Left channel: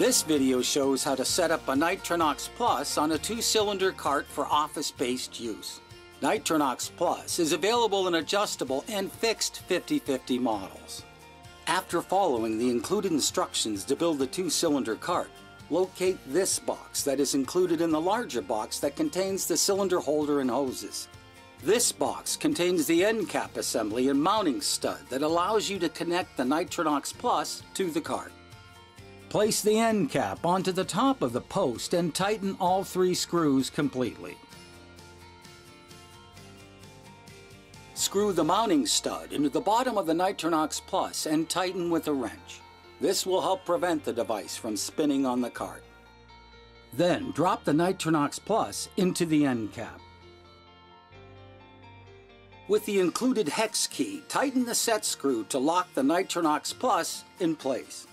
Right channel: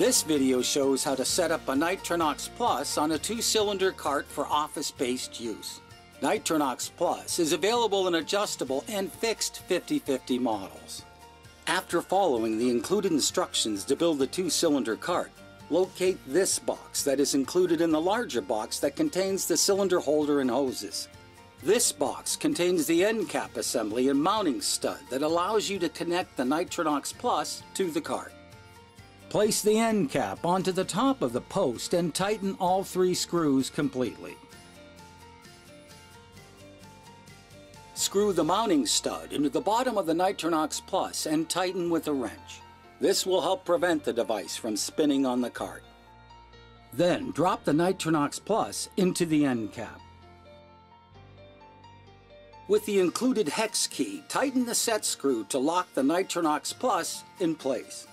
This video shows how to set up a Nitronox Plus on a 2-cylinder cart for office-based use. Nitronox Plus is available in adjustable and fixed 50/50 models. After following the included instructions to build the 2-cylinder cart, locate this box that is included in the larger box that contains the cylinder holder and hoses. This box contains the end cap assembly and mounting stud that allows you to connect the Nitronox Plus to the cart. Place the end cap onto the top of the post and tighten all 3 screws completely. Screw the mounting stud into the bottom of the Nitronox Plus and tighten with a wrench. This will help prevent the device from spinning on the cart. Then drop the Nitronox Plus into the end cap. With the included hex key, tighten the set screw to lock the Nitronox Plus in place.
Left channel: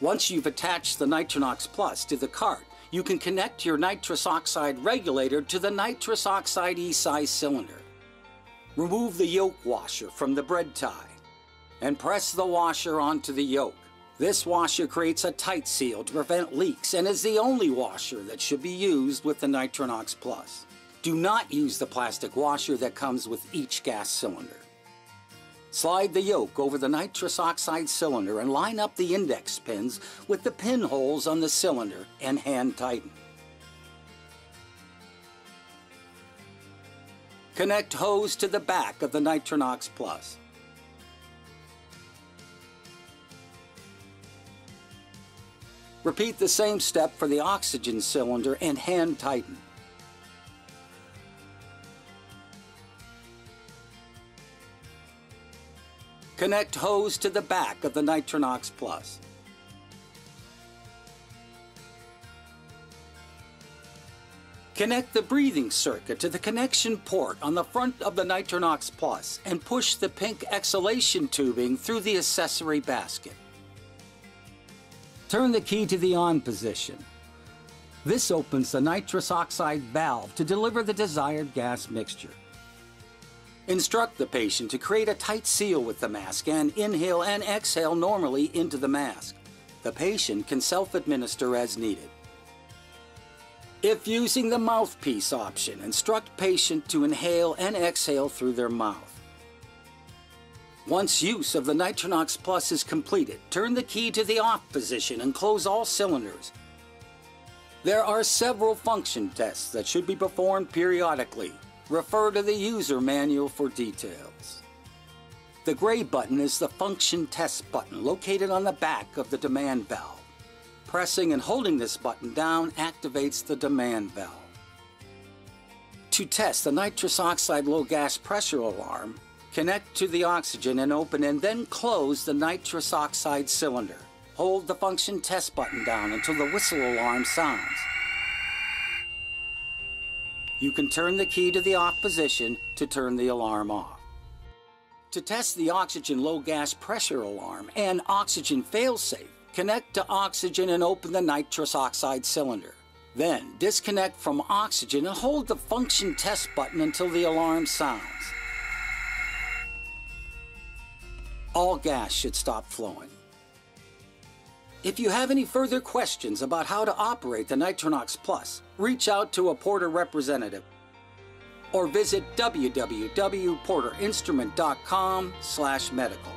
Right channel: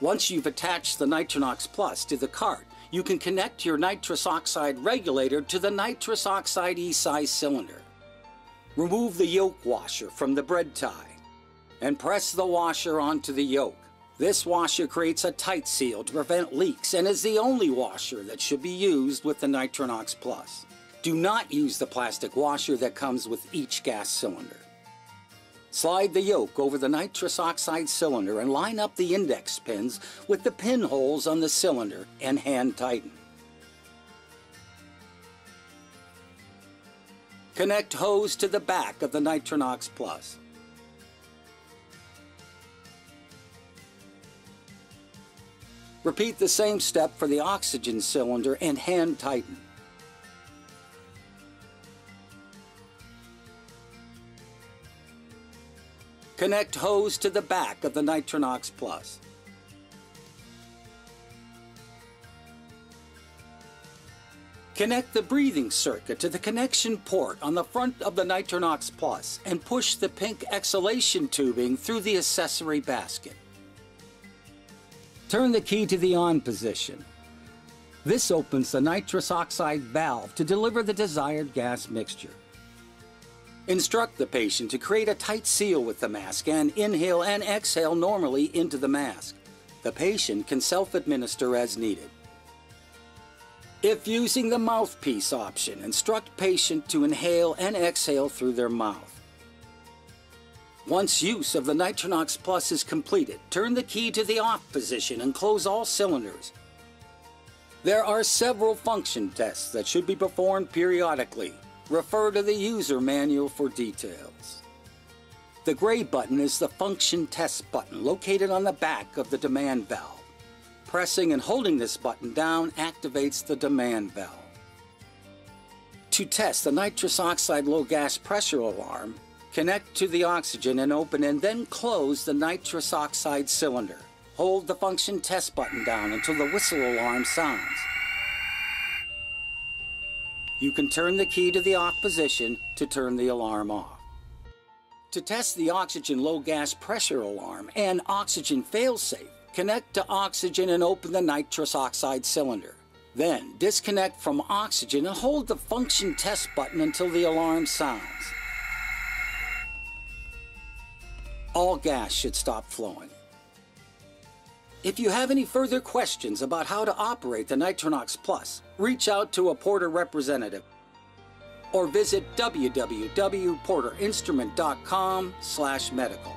Once you've attached the Nitronox Plus to the cart, you can connect your nitrous oxide regulator to the nitrous oxide E-size cylinder. Remove the yoke washer from the bread tie and press the washer onto the yoke. This washer creates a tight seal to prevent leaks and is the only washer that should be used with the Nitronox Plus. Do not use the plastic washer that comes with each gas cylinder. Slide the yoke over the nitrous oxide cylinder and line up the index pins with the pinholes on the cylinder and hand tighten. Connect hose to the back of the Nitronox Plus. Repeat the same step for the oxygen cylinder and hand tighten. Connect hose to the back of the Nitronox Plus. Connect the breathing circuit to the connection port on the front of the Nitronox Plus and push the pink exhalation tubing through the accessory basket. Turn the key to the on position. This opens the nitrous oxide valve to deliver the desired gas mixture. Instruct the patient to create a tight seal with the mask and inhale and exhale normally into the mask. The patient can self-administer as needed. If using the mouthpiece option, instruct patient to inhale and exhale through their mouth. Once use of the Nitronox Plus is completed, turn the key to the off position and close all cylinders. There are several function tests that should be performed periodically. Refer to the user manual for details. The gray button is the function test button located on the back of the demand valve. Pressing and holding this button down activates the demand valve. To test the nitrous oxide low gas pressure alarm, connect to the oxygen and open and then close the nitrous oxide cylinder. Hold the function test button down until the whistle alarm sounds. You can turn the key to the off position to turn the alarm off. To test the oxygen low gas pressure alarm and oxygen failsafe, connect to oxygen and open the nitrous oxide cylinder. Then disconnect from oxygen and hold the function test button until the alarm sounds. All gas should stop flowing. If you have any further questions about how to operate the Nitronox Plus, reach out to a Porter representative or visit www.porterinstrument.com/medical.